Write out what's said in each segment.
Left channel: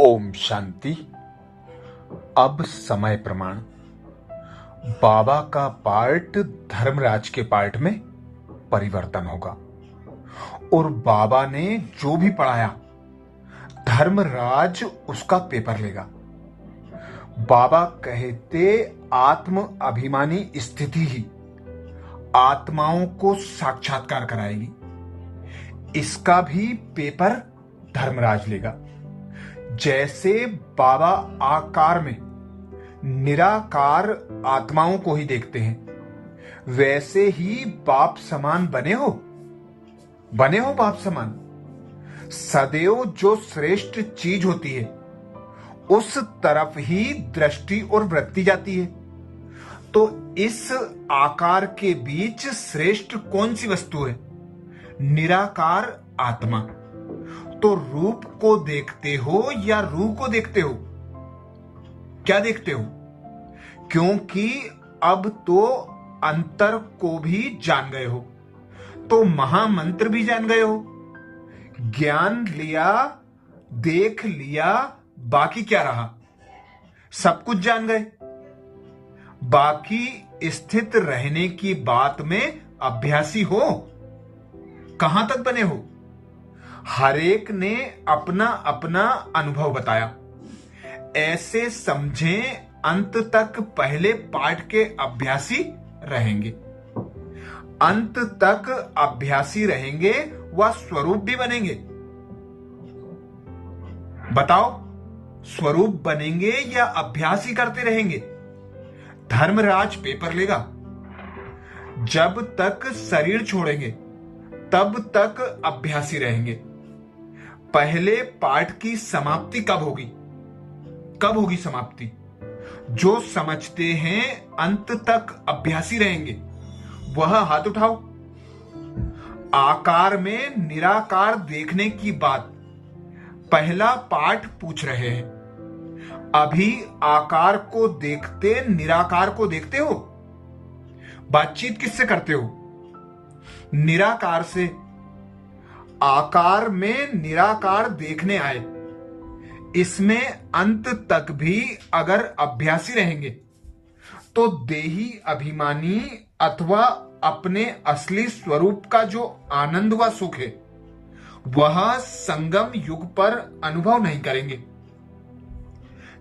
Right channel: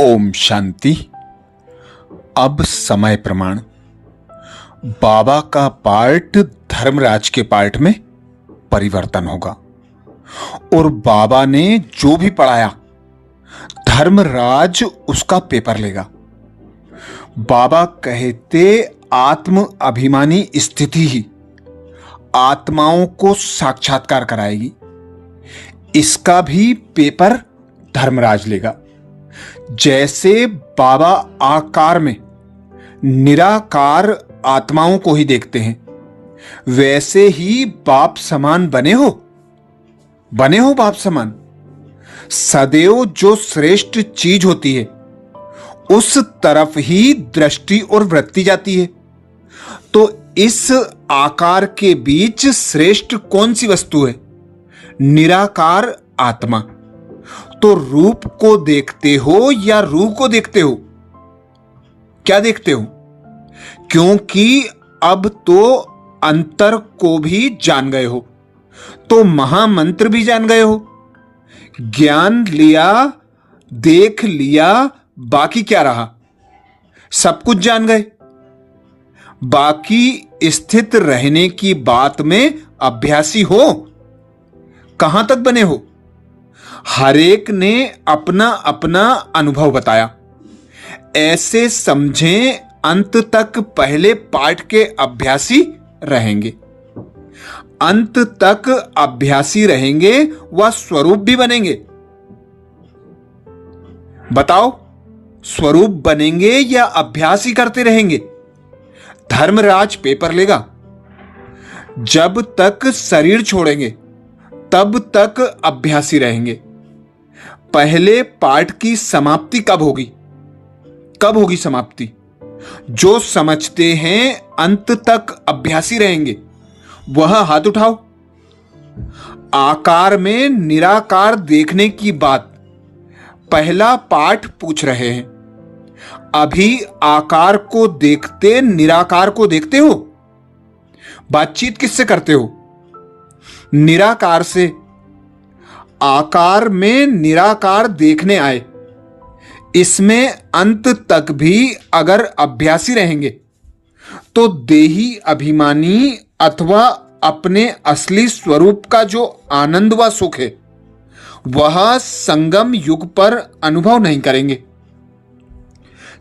ओम शांति। अब समय प्रमाण बाबा का पार्ट धर्मराज के पार्ट में परिवर्तन होगा और बाबा ने जो भी पढ़ाया धर्मराज उसका पेपर लेगा। बाबा कहते आत्म अभिमानी स्थिति ही आत्माओं को साक्षात्कार कराएगी। इसका भी पेपर धर्मराज लेगा। जैसे बाबा आकार में निराकार आत्माओं को ही देखते हैं, वैसे ही बाप समान बने हो बाप समान। सदैव जो श्रेष्ठ चीज होती है उस तरफ ही दृष्टि और वृत्ति जाती है। तो इस आकार के बीच श्रेष्ठ कौन सी वस्तु है? निराकार आत्मा। तो रूप को देखते हो या रूह को देखते हो? क्या देखते हो? क्योंकि अब तो अंतर को भी जान गए हो, तो महामंत्र भी जान गए हो। ज्ञान लिया, देख लिया, बाकी क्या रहा? सब कुछ जान गए। बाकी स्थित रहने की बात में अभ्यासी हो। कहां तक बने हो? हर एक ने अपना अपना अनुभव बताया। ऐसे समझें अंत तक पहले पाठ के अभ्यासी रहेंगे। अंत तक अभ्यासी रहेंगे व स्वरूप भी बनेंगे। बताओ, स्वरूप बनेंगे या अभ्यास ही करते रहेंगे? धर्मराज पेपर लेगा। जब तक शरीर छोड़ेंगे तब तक अभ्यासी रहेंगे। पहले पाठ की समाप्ति कब होगी? कब होगी समाप्ति? जो समझते हैं अंत तक अभ्यासी रहेंगे वह हाथ उठाओ। आकार में निराकार देखने की बात पहला पाठ पूछ रहे हैं। अभी आकार को देखते निराकार को देखते हो? बातचीत किससे करते हो? निराकार से। आकार में निराकार देखने आए। इसमें अंत तक भी अगर अभ्यासी रहेंगे तो देही अभिमानी अथवा अपने असली स्वरूप का जो आनंद व सुख है वह संगम युग पर अनुभव नहीं करेंगे।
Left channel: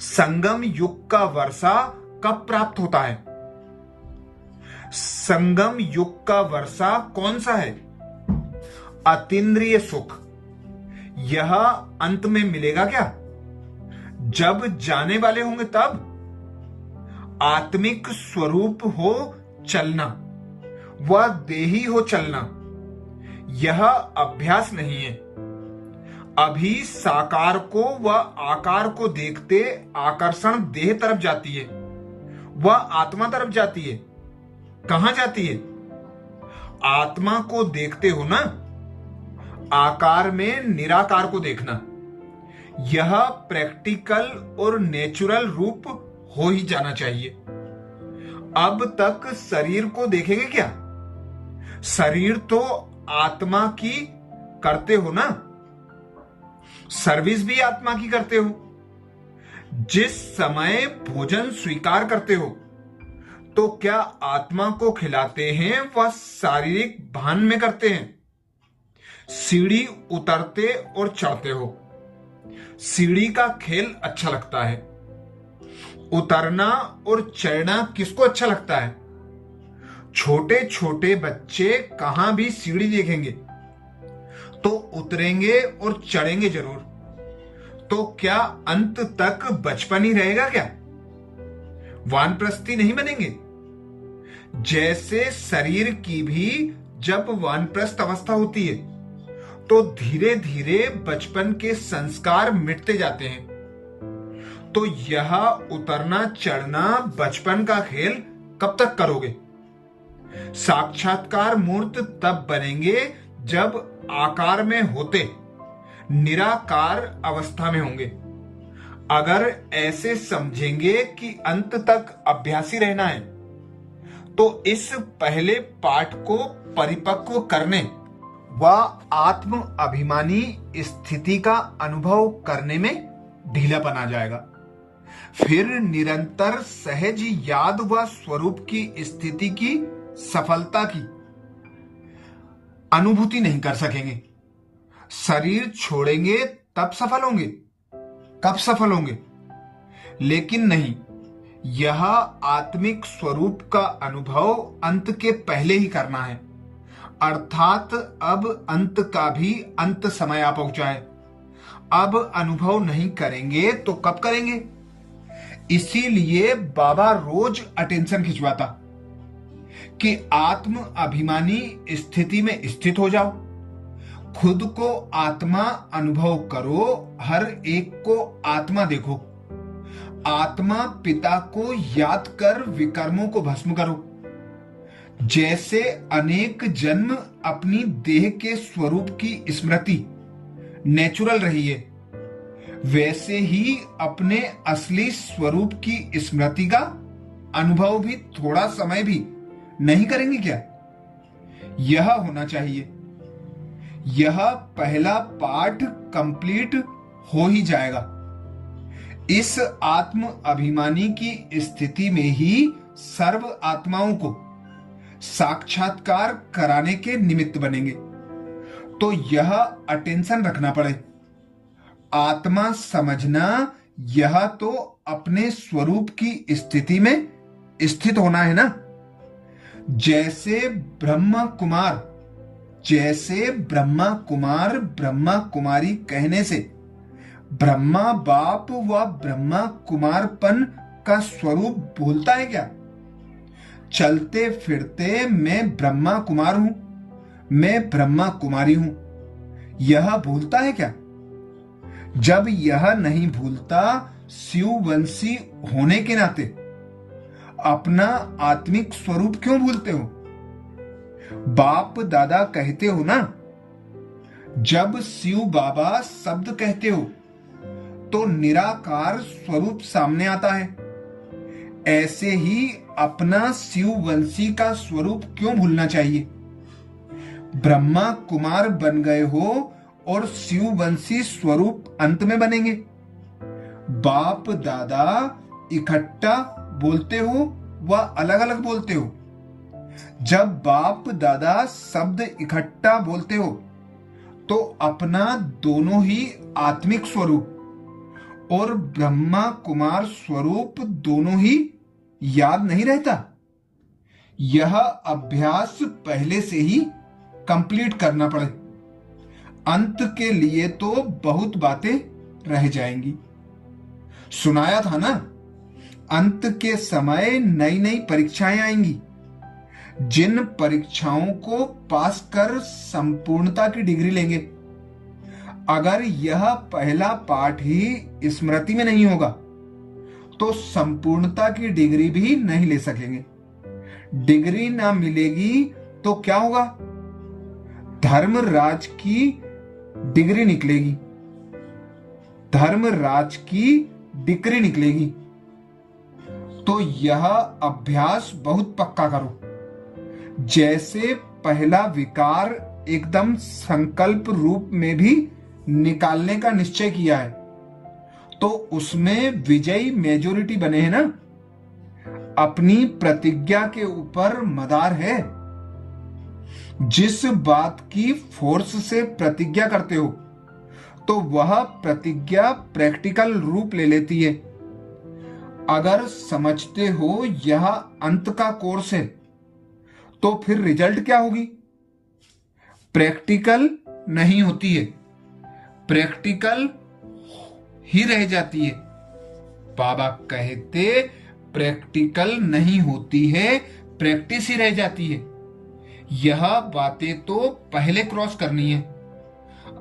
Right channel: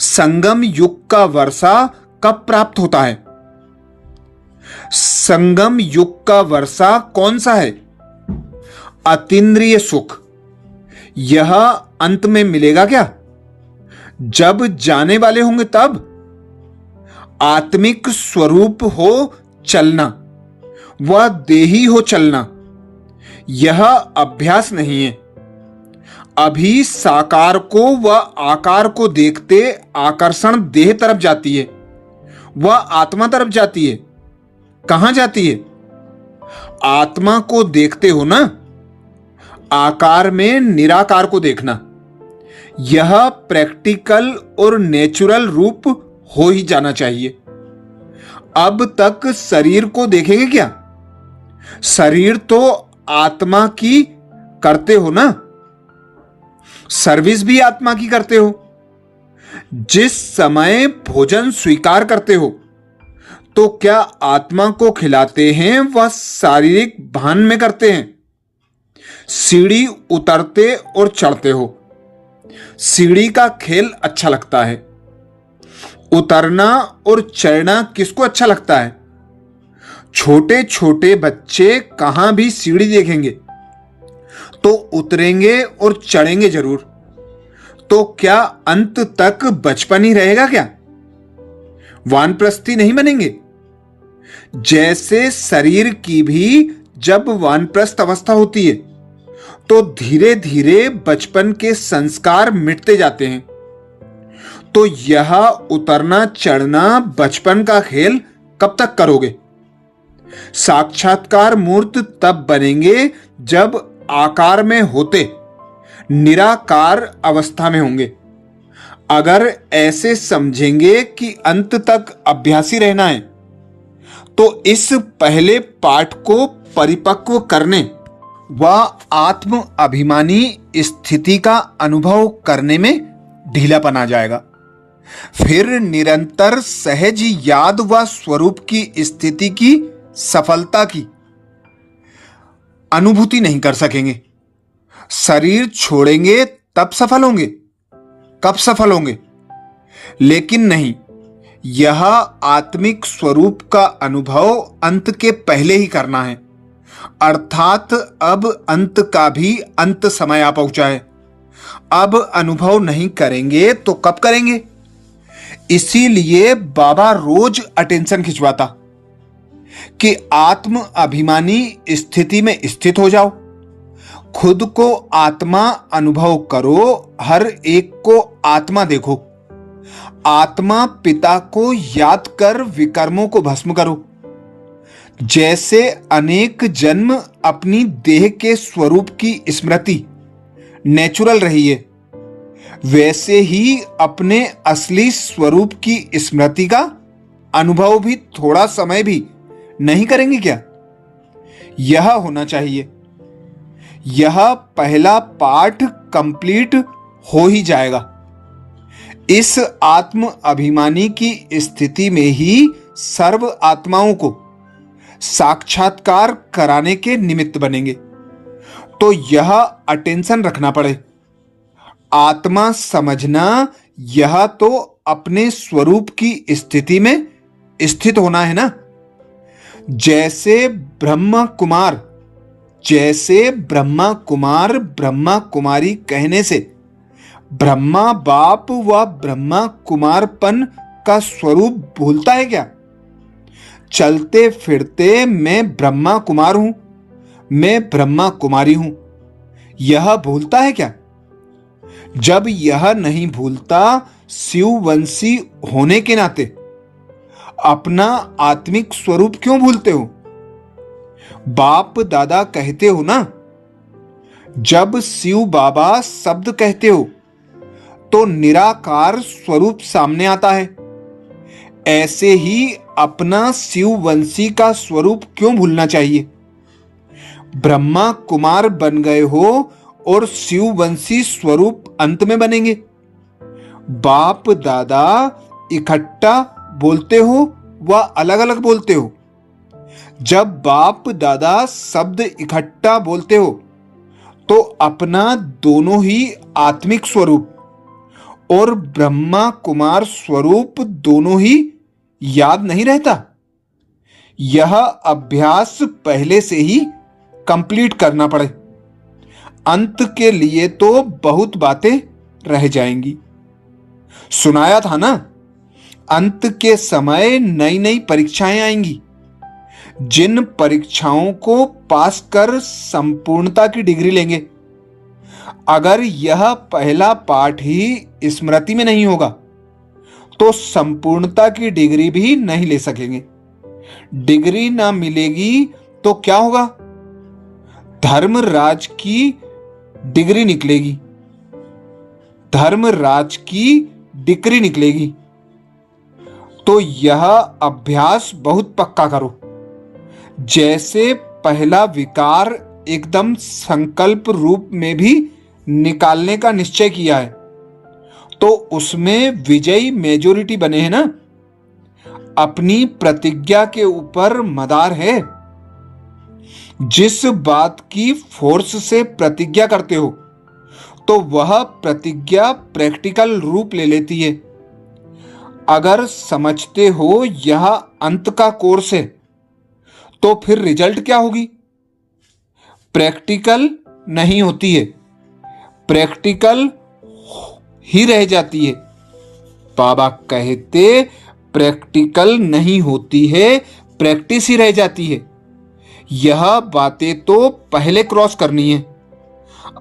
संगम युग का वर्षा कब प्राप्त होता है? संगम युग का वर्षा कौन सा है? अतीन्द्रिय सुख। यह अंत में मिलेगा क्या? जब जाने वाले होंगे तब। आत्मिक स्वरूप हो चलना व देही हो चलना, यह अभ्यास नहीं है। अभी साकार को व आकार को देखते आकर्षण देह तरफ जाती है, वह आत्मा तरफ जाती है। कहां जाती है? आत्मा को देखते हो ना। आकार में निराकार को देखना, यह प्रैक्टिकल और नेचुरल रूप हो ही जाना चाहिए। अब तक शरीर को देखेंगे क्या? शरीर तो आत्मा की करते हो ना। सर्विस भी आत्मा की करते हो। जिस समय भोजन स्वीकार करते हो तो क्या आत्मा को खिलाते हैं वह शारीरिक भान में करते हैं? सीढ़ी उतरते और चढ़ते हो। सीढ़ी का खेल अच्छा लगता है। उतरना और चढ़ना किसको अच्छा लगता है? छोटे छोटे बच्चे कहां भी सीढ़ी देखेंगे तो उतरेंगे और चढ़ेंगे जरूर। तो क्या अंत तक बचपन ही रहेगा क्या? वानप्रस्थी नहीं बनेंगे। जैसे शरीर की भी जब वानप्रस्थ अवस्था होती है तो धीरे धीरे बचपन के संस्कार मिटते जाते हैं। तो यह उतरना चढ़ना बचपन का खेल कब तक करोगे? साक्षात्कार मूर्त तब बनेंगे जब आकार में होते निराकार अवस्था में होंगे। अगर ऐसे समझेंगे कि अंत तक अभ्यासी रहना है तो इस पहले पाठ को परिपक्व करने व आत्म अभिमानी स्थिति का अनुभव करने में ढीलापन आ जाएगा। फिर निरंतर सहज याद व स्वरूप की स्थिति की सफलता की अनुभूति नहीं कर सकेंगे। शरीर छोड़ेंगे तब सफल होंगे। कब सफल होंगे? लेकिन नहीं, यह आत्मिक स्वरूप का अनुभव अंत के पहले ही करना है। अर्थात अब अंत का भी अंत समय आ पहुंचा है। अब अनुभव नहीं करेंगे तो कब करेंगे? इसीलिए बाबा रोज अटेंशन खिंचवाता कि आत्म अभिमानी स्थिति में स्थित हो जाओ, खुद को आत्मा अनुभव करो, हर एक को आत्मा देखो, आत्मा पिता को याद कर विकर्मों को भस्म करो। जैसे अनेक जन्म अपनी देह के स्वरूप की स्मृति नेचुरल रही है, वैसे ही अपने असली स्वरूप की स्मृति का अनुभव भी थोड़ा समय भी नहीं करेंगे क्या? यह होना चाहिए। यह पहला पाठ कंप्लीट हो ही जाएगा। इस आत्म अभिमानी की स्थिति में ही सर्व आत्माओं को साक्षात्कार कराने के निमित्त बनेंगे। तो यह अटेंशन रखना पड़े। आत्मा समझना, यह तो अपने स्वरूप की स्थिति में स्थित होना है ना। जैसे ब्रह्मा कुमार ब्रह्मा कुमारी कहने से ब्रह्मा बाप व ब्रह्मा कुमारपन का स्वरूप भूलता है क्या? चलते फिरते मैं ब्रह्मा कुमार हूं, मैं ब्रह्मा कुमारी हूं, यह भूलता है क्या? जब यह नहीं भूलता, शिववंशी होने के नाते अपना आत्मिक स्वरूप क्यों भूलते हो? बाप दादा कहते हो ना। जब शिव बाबा शब्द कहते हो तो निराकार स्वरूप सामने आता है। ऐसे ही अपना शिववंशी का स्वरूप क्यों भूलना चाहिए? ब्रह्मा कुमार बन गए हो और शिववंशी स्वरूप अंत में बनेंगे। बाप दादा इकट्ठा बोलते हो व अलग अलग बोलते हो? जब बाप दादा शब्द इकट्ठा बोलते हो तो अपना दोनों ही आत्मिक स्वरूप और ब्रह्मा कुमार स्वरूप दोनों ही याद नहीं रहता। यह अभ्यास पहले से ही कंप्लीट करना पड़े। अंत के लिए तो बहुत बातें रह जाएंगी। सुनाया था ना, अंत के समय नई नई परीक्षाएं आएंगी। जिन परीक्षाओं को पास कर संपूर्णता की डिग्री लेंगे। अगर यह पहला पाठ ही स्मृति में नहीं होगा तो संपूर्णता की डिग्री भी नहीं ले सकेंगे। डिग्री ना मिलेगी तो क्या होगा? धर्मराज की डिग्री निकलेगी, धर्मराज की डिग्री निकलेगी। तो यह अभ्यास बहुत पक्का करो। जैसे पहला विकार एकदम संकल्प रूप में भी निकालने का निश्चय किया है तो उसमें विजयी मेजॉरिटी बने हैं ना। अपनी प्रतिज्ञा के ऊपर मदार है। जिस बात की फोर्स से प्रतिज्ञा करते हो तो वह प्रतिज्ञा प्रैक्टिकल रूप ले लेती है। अगर समझते हो यह अंत का कोर्स है तो फिर रिजल्ट क्या होगी? प्रैक्टिकल नहीं होती है, प्रैक्टिकल ही रह जाती है। बाबा कहते प्रैक्टिकल नहीं होती है, प्रैक्टिस ही रह जाती है। यह बातें तो पहले क्रॉस करनी है।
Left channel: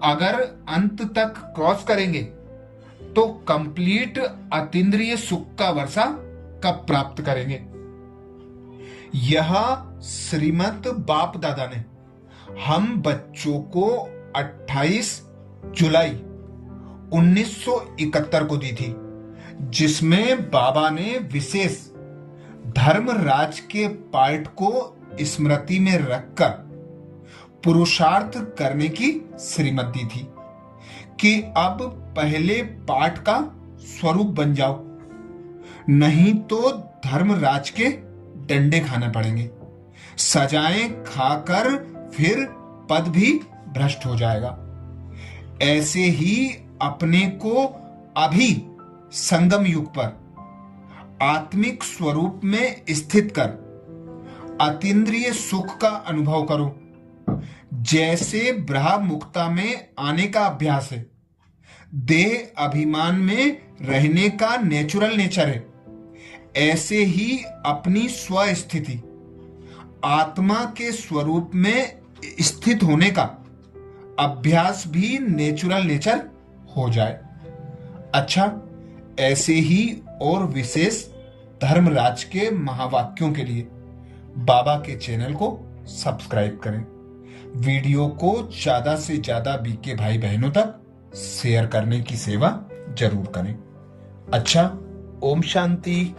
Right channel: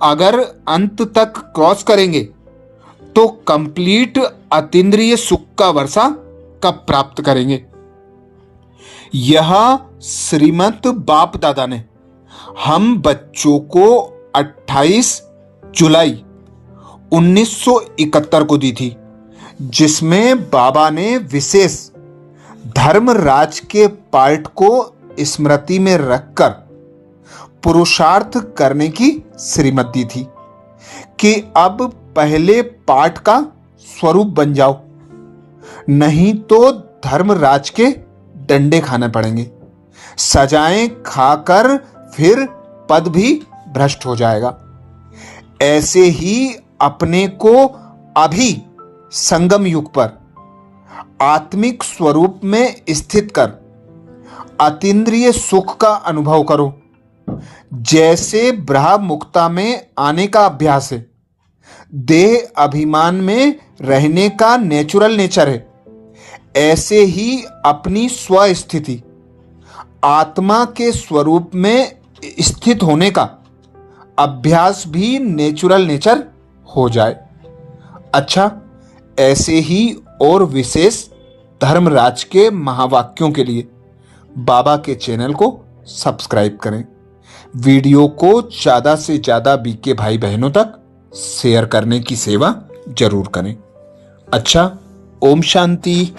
अगर अंत तक क्रॉस करेंगे तो कंप्लीट अतीन्द्रिय सुख का वर्षा कब प्राप्त करेंगे? यह श्रीमत बाप दादा ने हम बच्चों को 28 जुलाई 1971 को दी थी, जिसमें बाबा ने विशेष धर्मराज के पार्ट को स्मृति में रखकर पुरुषार्थ करने की श्रीमत दी थी कि अब पहले पाठ का स्वरूप बन जाओ, नहीं तो धर्मराज के डंडे खाने पड़ेंगे। सजाएं खाकर फिर पद भी भ्रष्ट हो जाएगा। ऐसे ही अपने को अभी संगम युग पर आत्मिक स्वरूप में स्थित कर अतीन्द्रिय सुख का अनुभव करो। जैसे ब्रह्म मुक्ता में आने का अभ्यास है, देह अभिमान में रहने का नेचुरल नेचर है, ऐसे ही अपनी स्वस्थिति आत्मा के स्वरूप में स्थित होने का अभ्यास भी नेचुरल नेचर हो जाए। अच्छा, ऐसे ही और विशेष धर्मराज के महावाक्यों के लिए बाबा के चैनल को सब्सक्राइब करें। वीडियो को ज़्यादा से ज़्यादा बीके भाई बहनों तक शेयर करने की सेवा जरूर करें। अच्छा, ओम शांति।